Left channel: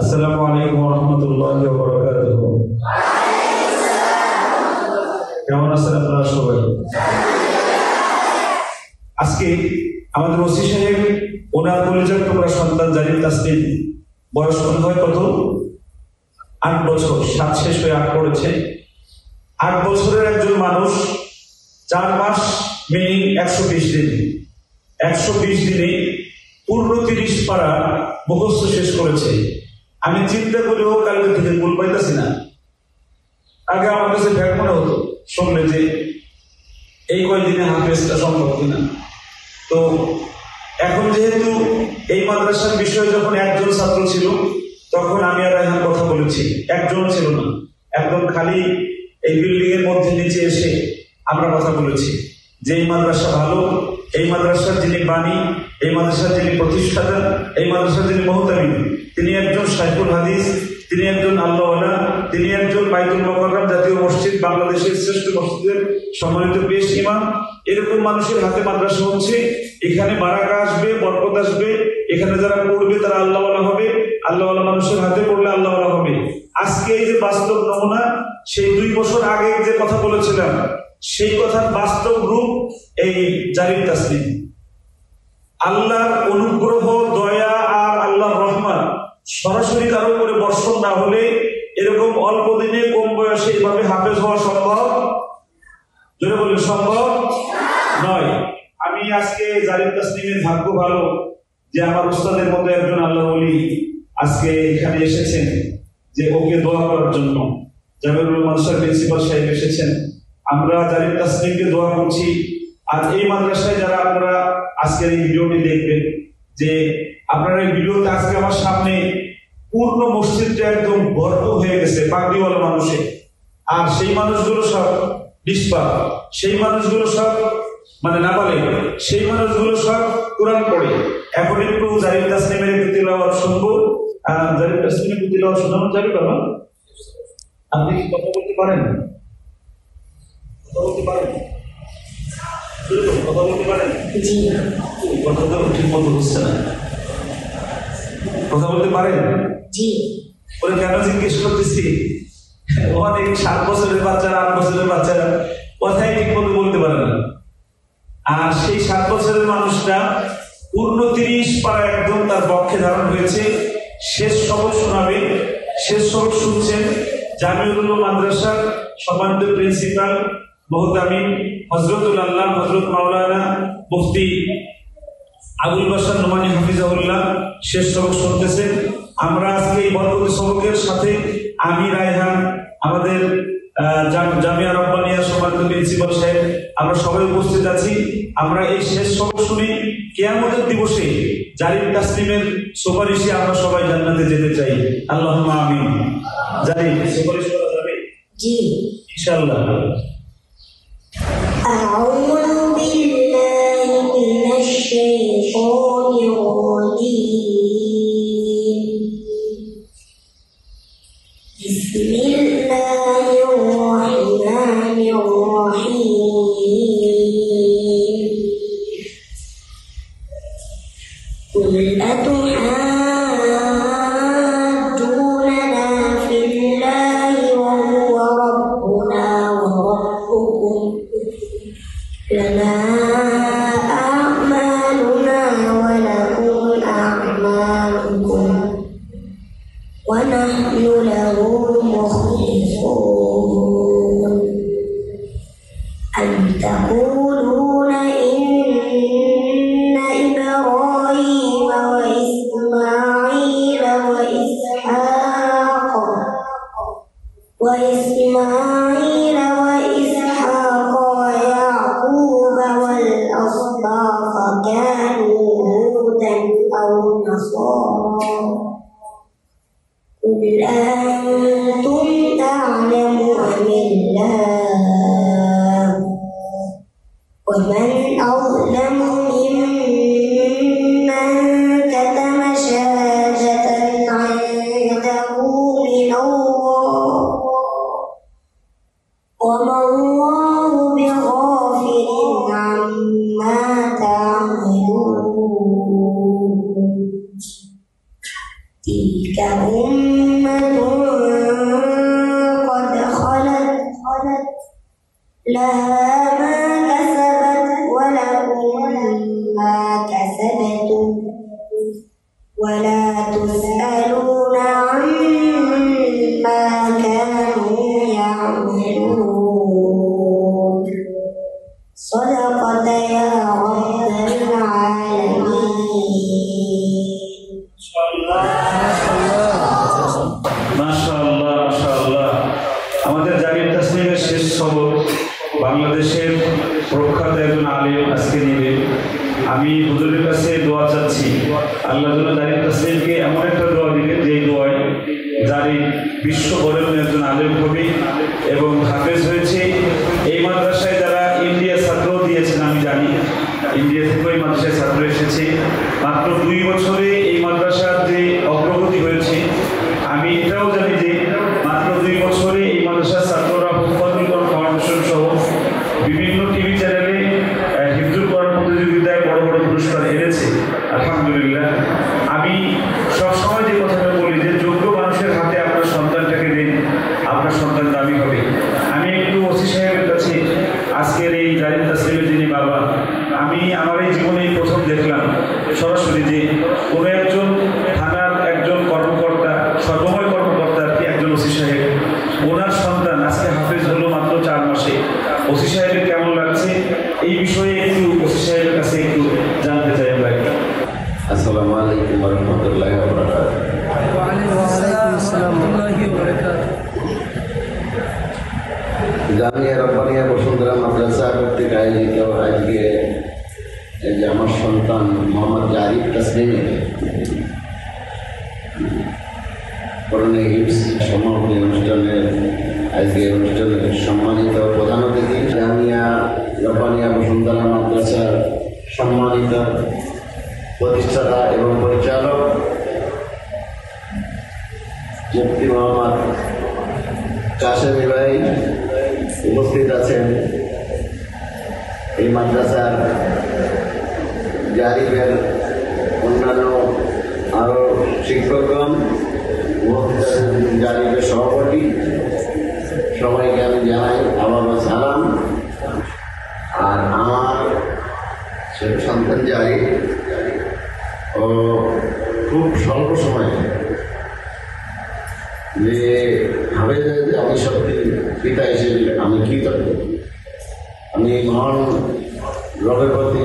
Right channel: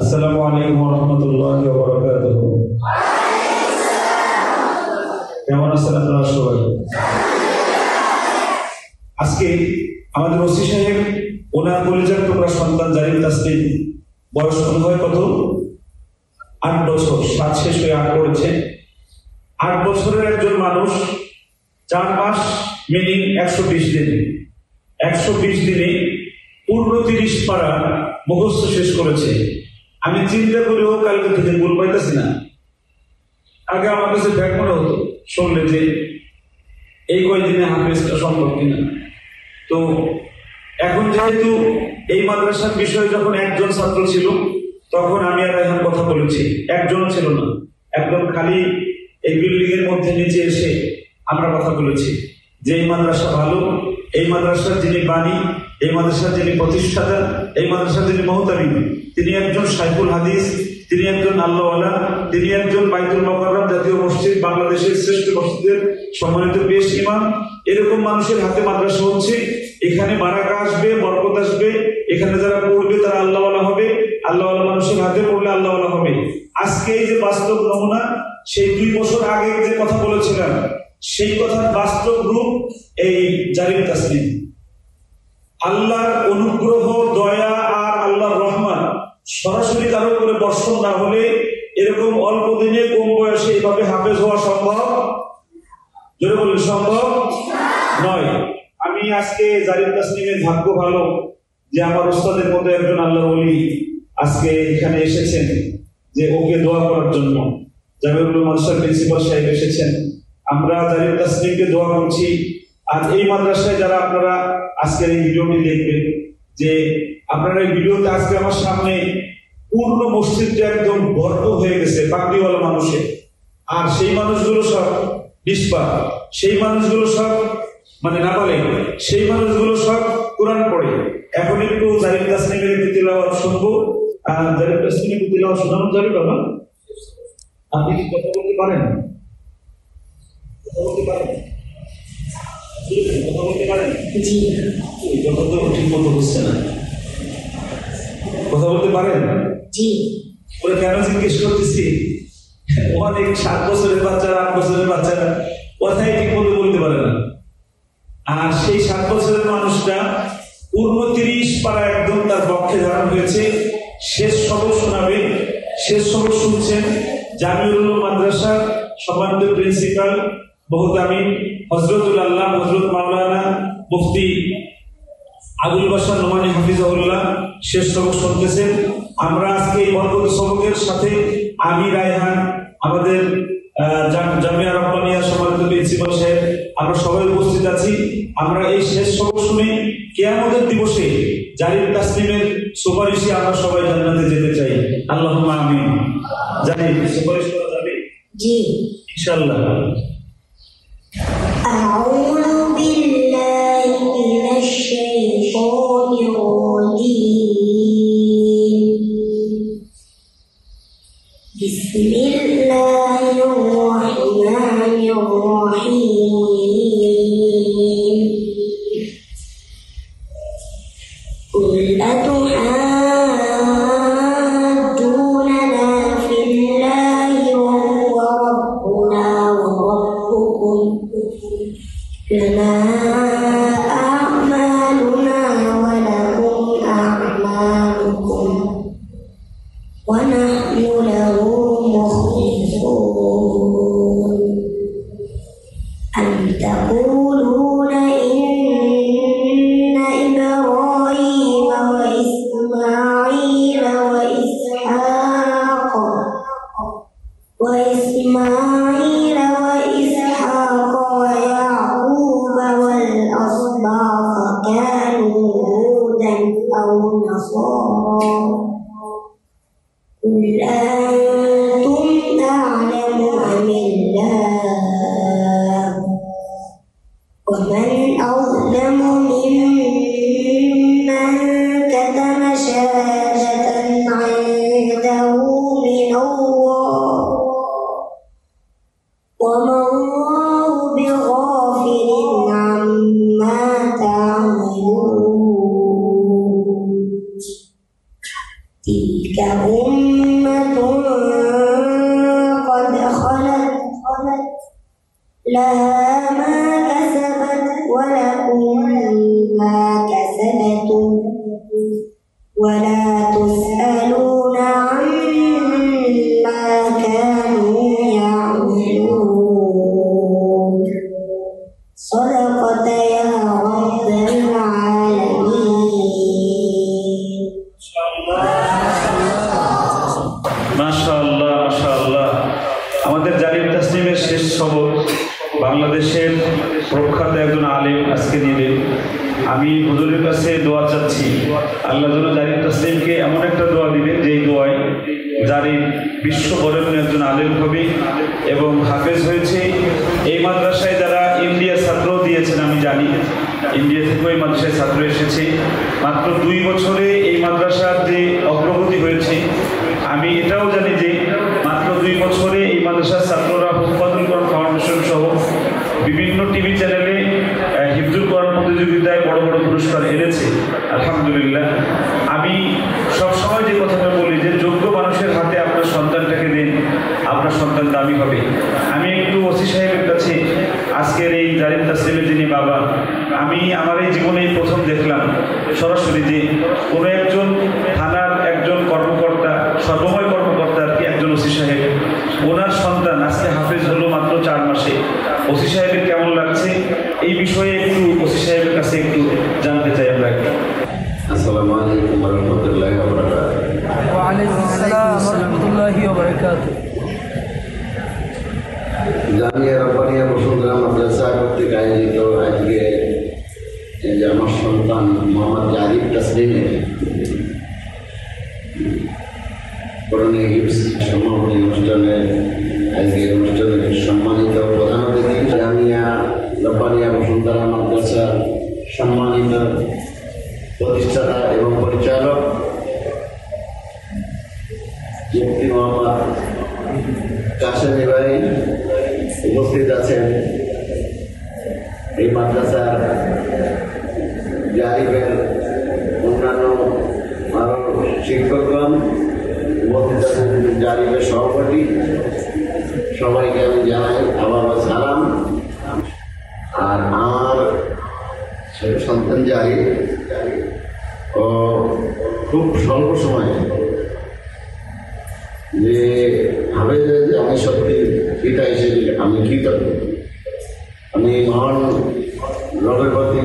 আসসালামু আলাইকুম ওয়া রাহমাতুল্লাহি ওয়া বারাকাতুহু। কেমন আছেন আপনারা সবাই? আজকে আমাদের ওসি সাহেব ওনার পরিচয় টুকরা সন্তান জারিম তাসলিম বয়স হয় কত? 8 বছর। 7 শেষ হয়ে 8 পড়েছে। 8 বছরের একজন মানুষ 4 মাস মিনিং 120 দিন, 120 দিনে পূর্ণ 30 পারা মুখস্থ শেষ করেছে। আমি চিন্তা করেও কালকে থেকে ভুল পাইতেছি না। আগে আমার কাছে ব্যাগ মনে হতো শুনলে যে এই কয়েকদিনে হাফেজটা সম্ভব কিনা। তো এখন যেহেতু এই মাদ্রাসার বিষয়ে যখন একজন ছাত্র ছিল তখন আমি আর এখন কথা বলেছি, একজন ছিল না, একদম খালি এই বিল্ডিং এর মধ্যে নিচে এসে আমরা কথা বলেছি যে এই মাদ্রাসা ভালো, এই মাদ্রাসার যিনি বাণী, এই মাদ্রাসার যিনি প্রতিষ্ঠাতা, এই মাদ্রাসার যিনি মুহতামিম, তিনি একজন শাইখুল হাদিস, তিনি একজন আল্লাহওয়ালা, তিনি একজন বাইতুল মুকাররম জাতীয় মসজিদ, বাংলাদেশের শ্রেষ্ঠ মসজিদের সম্মানিত পেশ ইমাম। এরকম মানুষের হাতে মাদ্রাসা হচ্ছে, এখানে বারাকা আসবে, বরকত আসবে, এখানে যারা পড়বে তারা আল্লাহওয়ালা হবে, আল্লাহওয়ালা মানুষের হাতে পড়লে আল্লাহওয়ালা হবে। আজকে এই যে বাস্তব নমুনা, সেই 2 বছর আগে যে কথা বলেছিলাম সেই কথার বাস্তব রূপ এই জারিম তাসলিম। আল্লাহর অনুগ্রহ, দয়া আর আল্লাহর রহমত সরাসরি কারো করে বর্ষণ না হলে এরকম অল্প দিনে কম বয়সে এইভাবে হাফেজ হওয়া সম্ভব, জোরে বললে সম্ভব নয়। আমি আজকে জারিম তাসলিমের ভাগ্য ভালো যে আমার ওস্তাদের মধ্যে একজন আল্লাহর ওলি আজকে এখানে এসেছেন যে ওকে দোয়া করার জন্য। জামিউল মাদ্রাসার প্রিন্সিপাল সাহেব এসেছেন, আমরা জারিম তাসলিমকে দোয়া করছি। আর এই মাদ্রাসায় যারা আপনারা আজকের এই ভিডিওটি দেখবেন, যে আপনারা এই ভিডিওতে আজকে আমার সামনে পূর্ণ মসজিদটা একদম ভরপুর হয়ে গেছে পাগড়িওয়ালা মানুষে। আর সেই মানুষগুলো সব নিষ্পাপ, সেই মানুষগুলো সব মানে নাবালেগ, সেই মানুষগুলো সব কোরআন পড়ে। এখন একটু জারিম তাসলিমের একটু তিলাওয়াত শুনবো। জারিম তাসলিমের একটু তিলাওয়াত শোনানো যাবে বাবা? আপনি কি কথা বলতে পারেন? কথা বলতে পারেন? কথা বলতে পারেন? জি। কথা তো ঠিক মতো হচ্ছে না। কথা বলতে পারেন? জি। ওরা কেন জিজ্ঞেস করতেছি, অনেক 7 বছরের বাচ্চারা, 8 বছরের বাচ্চারা কথাই ঠিক মতো বলতে পারে না। আর সেই 7 বছরের মানুষটা পূর্ণ 30 পারা একদম তার পক্ষে ধারণ হয়েছে। শেষ সবক শোনাবে, শেষ সবক শুনছেন জামিউল মাদ্রাসার সম্মানিত প্রিন্সিপাল মুহতামিম হযরতুল আল্লাহ হযরত মাওলানা মুফতি আবুল বাশার নোমানী হাফিজাহুল্লাহ শেষ সবক শুনতেছেন। আমরা আজকে এই বরকত সবকের সাথে আমি রায়হান, আমাদের জামিয়া রব্বানিয়া সম্মানিত প্রিন্সিপাল সাহেব, আমরা সবাই উপস্থিত আছি। আমরা এই শেষ সবক শুনে কিয়ামতের দিবসে জারিম তাসলিমের সুপারিশে আমরা সবাই জান্নাতে যেতে চাই। আল্লাহুম্মা আমিন। জানি সুপারিশ করা যাবে? জি, ইনশাআল্লাহ। أعوذ بالله من الشيطان الرجيم. بسم الله الرحمن الرحيم. قل أتحاجوننا في الله وهو ربنا وربكم لنا أعمالنا ولكم أعمالكم ونحن له مخلصون. أم تقولون إن إبراهيم وإسماعيل وإسحاق ويعقوب والأسباط كانوا هودا أو نصارى؟ قل أنتم أعلم أم الله؟ ومن أظلم ممن كتم شهادة عنده من الله وما الله بغافل عما تعملون. আমি হুজুরের কাছে দোয়া চাচ্ছি, আল্লাহ যেন জারিফ তাসলিমকে এমন একটা দোয়া দিবেন যে দোয়ায় জারিফ বিশ্ব বরেণ্য একজন আলেম হবে এবং হাফেজ হয়েছে। এই মাদ্রাসায় যারা ইন্ডিয়া ছাত্র দিয়েছেন, আমি জানি ইন্ডিয়া থেকে ওই মাদ্রাসায় ছাত্র এসেছে। মাত্র 2 বছরে এই মাদ্রাসার যে অগ্রগতি হয়েছে, আমি এটাও জানি যে মাত্র 2 বছরে এই মাদ্রাসার ছাত্ররা হুফাজুল কোরআন ফাউন্ডেশন সহ বিভিন্ন টিভি চ্যানেলে হিফজুল কোরআন প্রতিযোগিতায় বড় বড় পুরস্কার এনেছে। আলহামদুলিল্লাহ। আমি সবসময় যে কথাটা বলি যে যোগ্য মানুষের হাতে আপনার সন্তানটাকে দিন, আপনার সন্তান দামি হবে। আমি একটু ওসি সাহেবের কাছে আজকের এই জারিফ তাসলিমের যিনি বাবা, আমি আমার এই জীবনেই প্রথম দেখলাম সরাসরি যে কোনো একজন থানার একজন কর্মকর্তা, সর্বময় কর্মকর্তা আর কি, একজন ওসি সাহেব, ওনার সন্তান আজকে হাফেজ হলো মাত্র 4 মাসে। ওসি সাহেবের কেমন লাগছে এই বিষয়ে একটু ওসি সাহেবের কাছে একটু জানতে চাই আমরা। আসসালামু আলাইকুম ওয়া রাহমাতুল্লাহি ওয়া বারাকাতুহু। জামিয়া রব্বানিয়া বসুন্ধরা মাদ্রাসা কর্তৃক আয়োজিত আজকে যে আমার সন্তান মোহাম্মদ জারিফ তাসলিমের করণে হিপস সমাপনী অনুষ্ঠানের আজকের অনুষ্ঠানের সম্মানিত প্রধান অতিথি, জামিয়া রব্বানিয়া বসুন্ধরা মাদ্রাসার সম্মানিত প্রতিষ্ঠাতা এবং পরিচালক মুফতি মোহাম্মদ কাশেম ভাই উপস্থিত আছেন, এই মাদ্রাসার জারিফের অন্যান্য আরো শিক্ষকগণ, জারিফের সভাপতি, সবাইকে আমি জানাই আবারও সালাম। আর আমার সন্তান জারিফ ও খুব স্বল্প সময়ে যে ভাবে যে আমি সত্যি পিতা হিসেবে আমি কৃতজ্ঞ। আমি মহান রবের প্রতি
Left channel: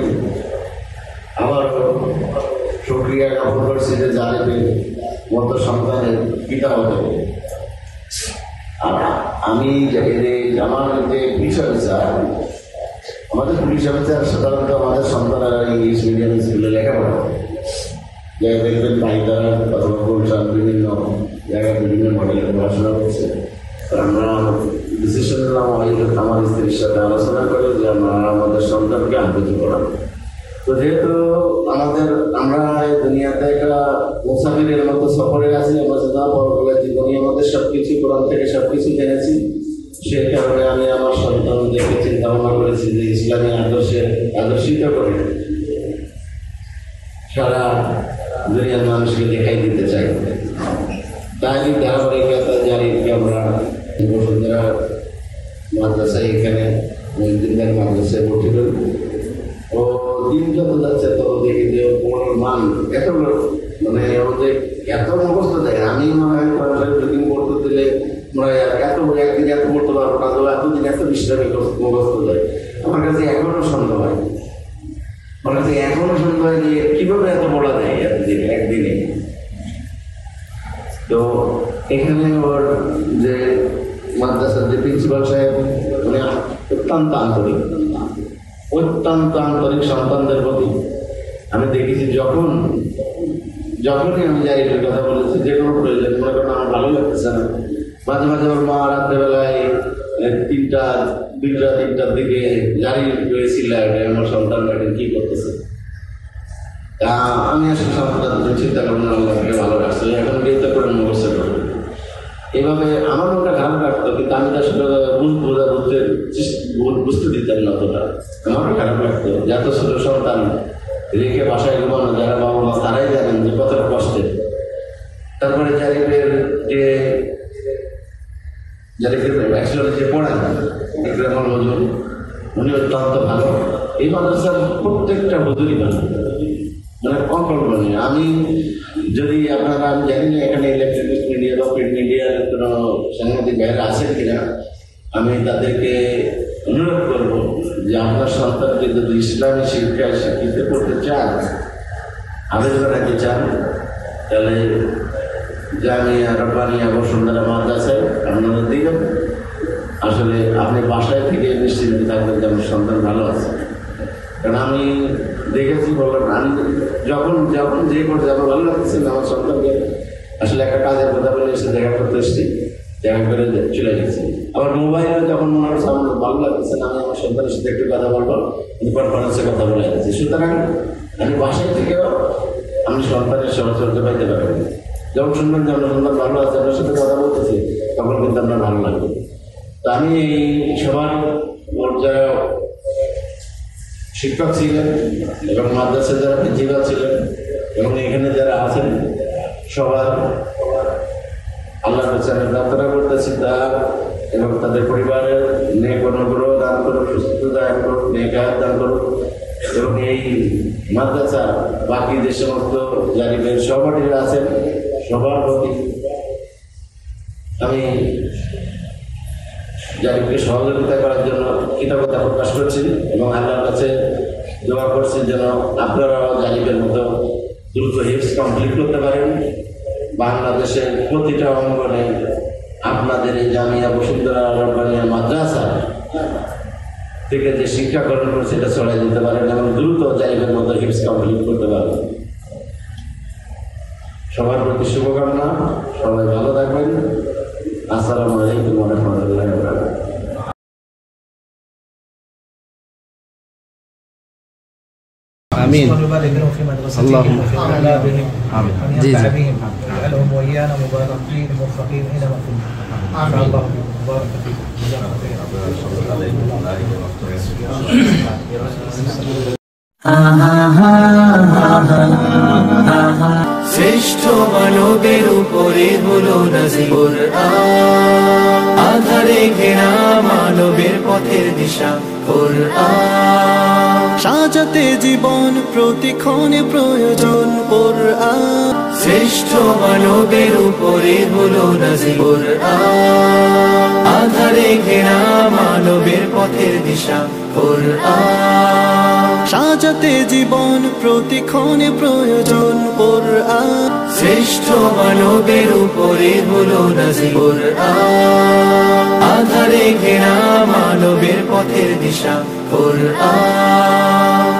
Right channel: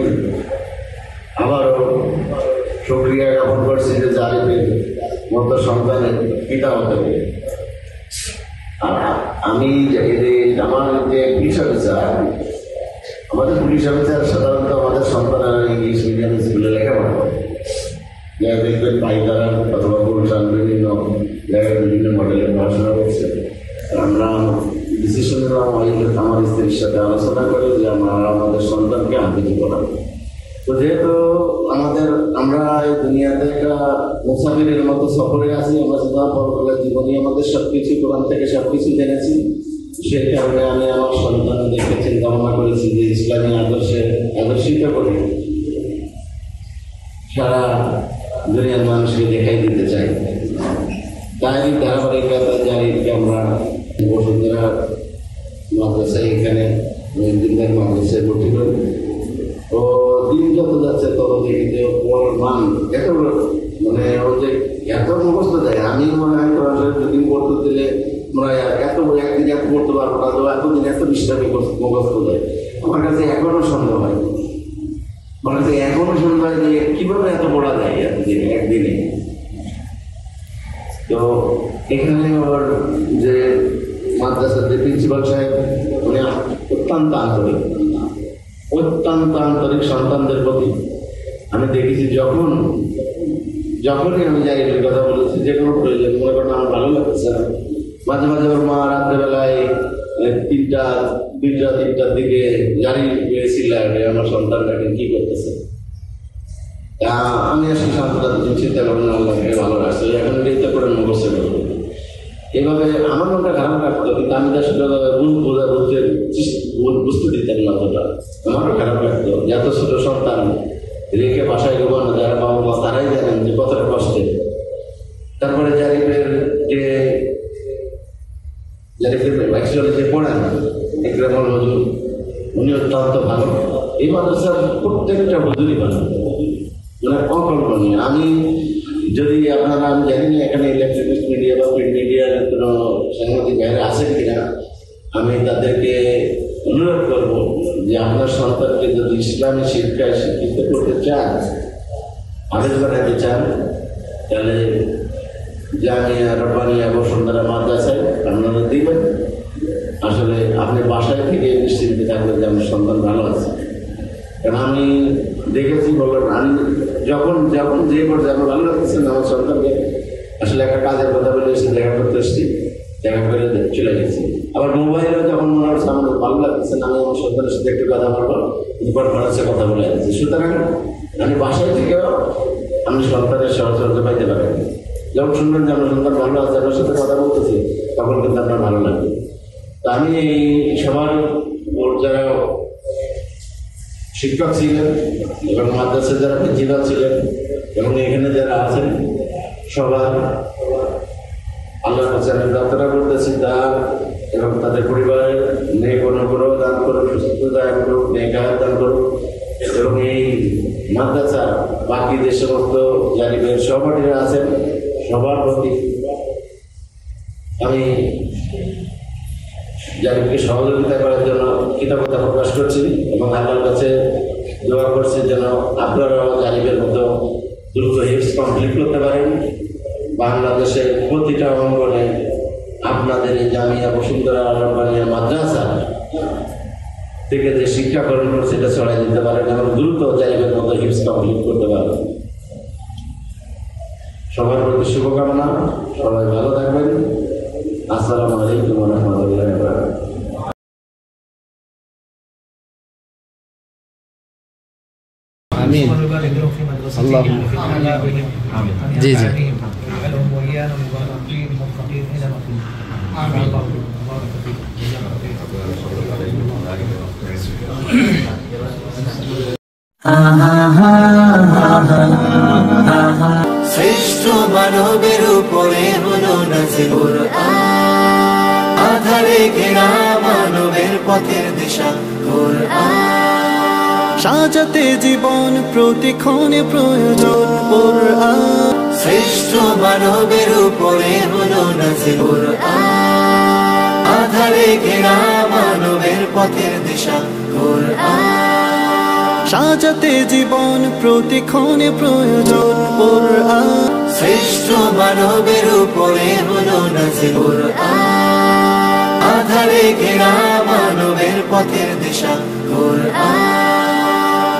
আবারও শুকরিয়া জ্ঞাপন করছি যে জারিফের মতো সন্তানের পিতা হতে হবে। আমি আমার যে পুলিশ অফিসার, আমাদের পুলিশ অফিসার সাধারণত আমাদের সন্তানেরা ইংলিশ মিডিয়াম স্কুলে লেখাপড়া করে, দেখবেন পাইতারা অথবা গুলশান বিভিন্ন জায়গায় বিভিন্ন মডেলের পড়াশোনা করছে। আমরা ডিসিশন নিলাম আমার স্ত্রীর সাথে আলোচনা করে যে আমাদের সন্তানকে আবৃত্তি করা। তো যেহেতু আমরা এই দুনিয়াতে একটা মুসাফিরের মতো সফরে আছি, আমরা সেটা পরকালের জীবনে আমাদের সবকিছু কোরআন থেকে সবকিছু জেনেছি। সেই কারণে আমি আমার সন্তানদেরকে চিন্তা ভাবনা করেছি যে ইসলামী আদর্শিত করে সারা দুনিয়ার মানুষকে দেখাই দিতে চাই। তাই ধারাবাহিকতা জারিফকে আমরা বসুন্ধরা মাদ্রাসায় এখানে দিনদার মাদ্রাসায় ভর্তি করি। ও দিন যত যাচ্ছে তত দেখি যে ওর মান এত মানে ওদের এত মুখস্থ দেয়। আমি মনে হয় দুদিন পড়তে দিলে মনে হয় একদিন এত পড়তে পারবো না, তো এতদিন এত বিশ্রামে মুখস্থ দেয়। আমার কাছে এখনো সন্দেহ হয়, আমার কাছে এখনো সন্দেহ হয় যে কিভাবে এত পড়া যায় এতদিন একদিনে। তো এখানে আবার যে মাদ্রাসার যে প্রিন্সিপাল সাহেব, উনি অত্যন্ত আন্তরিক সন্তানদের প্রতি। আমি দেখেছি যখনই আমি জারিফের কথা বলেছি, যে কোনো প্রয়োজন মনে করেন আমার ভালো লাগতেছে না, মাঝে মাঝে ওর মা রাত্রেবেলায় 2টা-3টার দিকে জারিফ হয়েছিল আমার সন্তানরা কি করতেছে। আমি আসলে সন্তান চিন্তা করবো না, আল্লাহকে ভালো রাখছে, এখন বিয়ে করে মুখস্থ করবো। এইভাবে আমার মনটা খারাপ লাগতো, কিন্তু আমি তার সাথে বুঝতে দিতাম না অতটা। আমারও খারাপ লাগতো যে এত ছোট সন্তান রেখে বাসায় ঘুমানো, যারা বাবা মা তারাই জানেন যে কতটা কষ্টের। তারপরে জারিফের যে পড়েন ইকরামুল হুজুর, উনি অত্যন্ত ভালো। এই মাদ্রাসার প্রত্যেকটা হুজুরই ভালো, মানে অকল্পনীয়। আমি যদি আমি জানি না এখানে ইলেকট্রনিক মিডিয়া বা প্রিন্ট মিডিয়ার কোনো সাংবাদিক ভাইরা আছেন কিনা, আমি তাদেরকে অনুরোধ করব যে আপনার সন্তানকে যদি ইসলামী শিক্ষায় শিক্ষিত করতে চান, আবেদন রাখতে চান, তাহলে জামিয়া রব্বানিয়া বসুন্ধরা মাদ্রাসায় আপনারা দিবেন। আসলে আপনি বাসায় থেকে নিশ্চিন্ত থাকবেন যে আমার সন্তান ভালো আছে। কারণ আমি দেখেছি বললাম আমি যখন যখন যে পর্যায়ে আমার ভালো লাগতেছে না আমার সন্তানকে আসলে একটা কাজের কথা বলে এসে দেখা করতে এসেছি, দেখা করে চলে গেছি। আবার মোবাইলে যখন মনে হচ্ছে আমার ভালো লাগতেছে না, আমি আমার সন্তানের সাথে একটু কথা বলবো, কিন্তু কনফারেন্সে কথা বলে যাচ্ছি। সুতরাং আমি বাসায় থেকেও আমি সন্তানের সহযোগিতা পাইতে পারি। যখন শুনবেন যে আমার সন্তান ভালো আছে, আমার সাথে কথা বলতেছি, তখন কিন্তু আপনার ভালো লাগবে। তো আমি সবার যারা শিক্ষক ছিলেন এবং মাদ্রাসা যারা প্রিন্সিপাল ছিলেন এবং এখানে যারা আছেন সবার আল্লাহর কাছে আমি প্রার্থনা করতেছি তা এবং তাদের পরিবারের নেক অনুগ্রহ দান করুক, সুস্থতা দান করুক, নেক হায়াত দান করুক এবং এই মাদ্রাসা বাকি যে সমস্ত জারিমের সহপাঠীরা আছেন সবার প্রতি আমি জারিমকে সহযোগিতা করার জন্য কৃতজ্ঞতা প্রকাশ করছি এবং আল্লাহর কাছে দোয়া করছি যেন আপনারাও জারিমের মতো দ্রুত হিপস কমপ্লিট করতে পারেন। বাংলাদেশের প্রতিটা অঙ্গনে আপনাদের এই জামিয়া বসুন্ধরা রব্বানিয়া মাদ্রাসা থেকে যে শিক্ষা গ্রহণ করছে এটা ছড়াই দিতে পারেন এবং দ্রুত জারিমের মতো হিপস কমপ্লিট করতে পারেন। সবার প্রতি শুভকামনা, সবাই ভালো থাকবেন। আসসালামু আলাইকুম ওয়া রাহমাতুল্লাহি ওয়া বারাকাতুহু। آمين اللهم آمين جي جي اجعلهم وإيانا مباركين موفقين إنما في آمين اللهم بارك শ্রেষ্ঠ মানবের উপরে হলো নাজিল কোরআন, আধারে ঘেরা মানবের পথের দিশা কোরআন, সাজাতে জীবন প্রতিক্ষণে প্রয়োজন কোরআন। শ্রেষ্ঠ মানবের উপরে হলো নাজিল কোরআন, আধারে ঘেরা মানবের পথের দিশা কোরআন, সাজাতে জীবন প্রতিক্ষণে প্রয়োজন কোরআন। শ্রেষ্ঠ মানবের উপরে হলো নাজিল কোরআন, আধারে ঘেরা মানবের পথের দিশা কোরআন,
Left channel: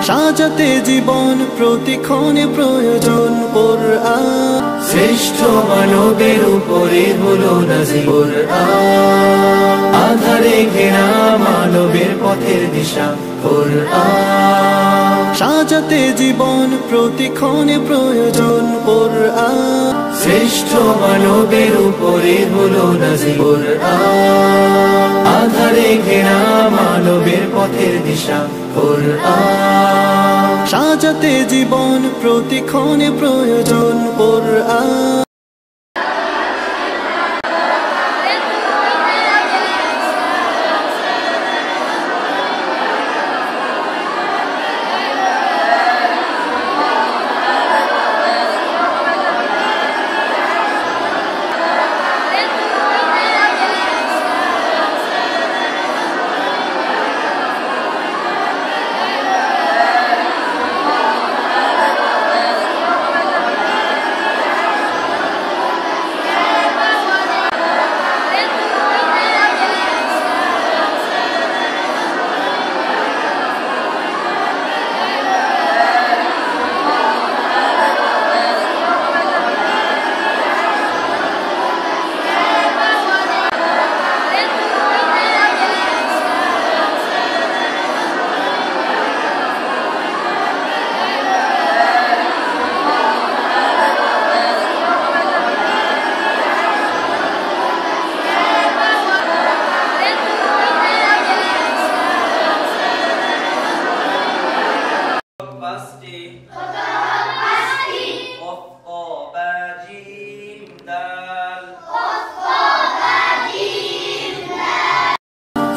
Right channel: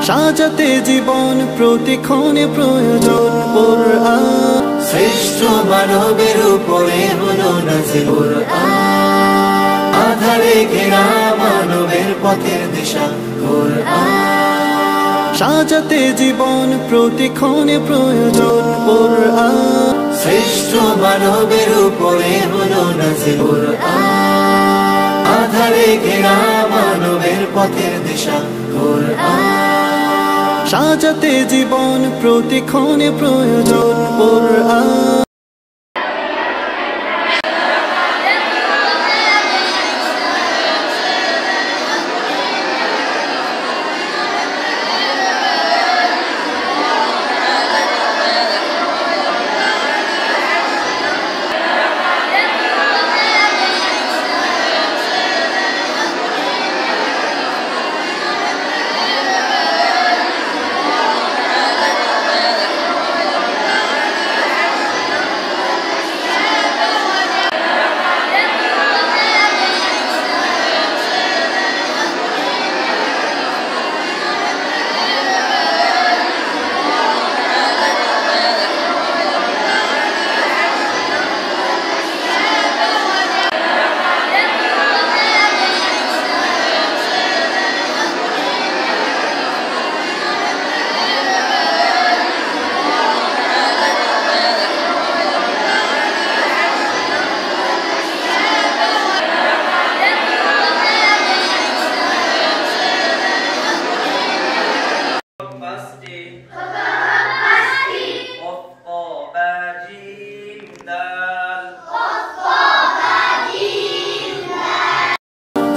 সাজাতে জীবন প্রতিক্ষণে প্রয়োজন কোরআন। শ্রেষ্ঠ মানবের উপরে হলো নাজিল কোরআন, আধারে ঘেরা মানবের পথের দিশা কোরআন, সাজাতে জীবন প্রতিক্ষণে প্রয়োজন কোরআন। শ্রেষ্ঠ মানবের উপরে হলো নাজিল কোরআন, আধারে ঘেরা মানবের পথের দিশা কোরআন, সাজাতে জীবন প্রতিক্ষণে প্রয়োজন কোরআন।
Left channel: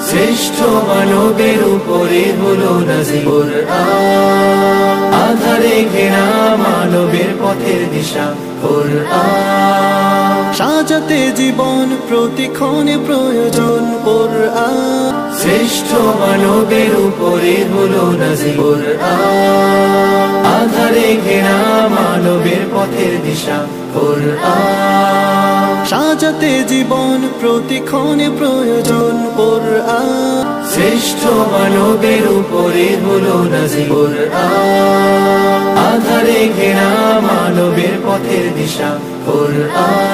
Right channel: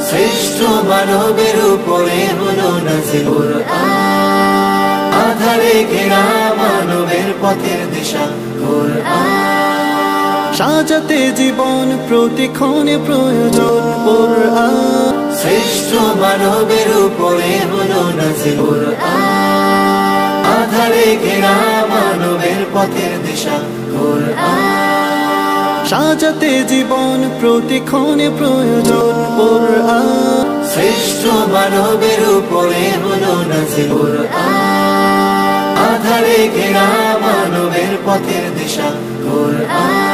শ্রেষ্ঠ মানবের উপরে হলো নাজিল কোরআন, আধারে ঘেরা মানবের পথের দিশা কোরআন, সাজাতে জীবন প্রতিক্ষণে প্রয়োজন কোরআন। শ্রেষ্ঠ মানবের উপরে হলো নাজিল কোরআন, আধারে ঘেরা মানবের পথের দিশা কোরআন, সাজাতে জীবন প্রতিক্ষণে প্রয়োজন কোরআন। শ্রেষ্ঠ মানবের উপরে হলো নাজিল কোরআন আধারে ঘেরা মানবের পথের দিশা কোরআন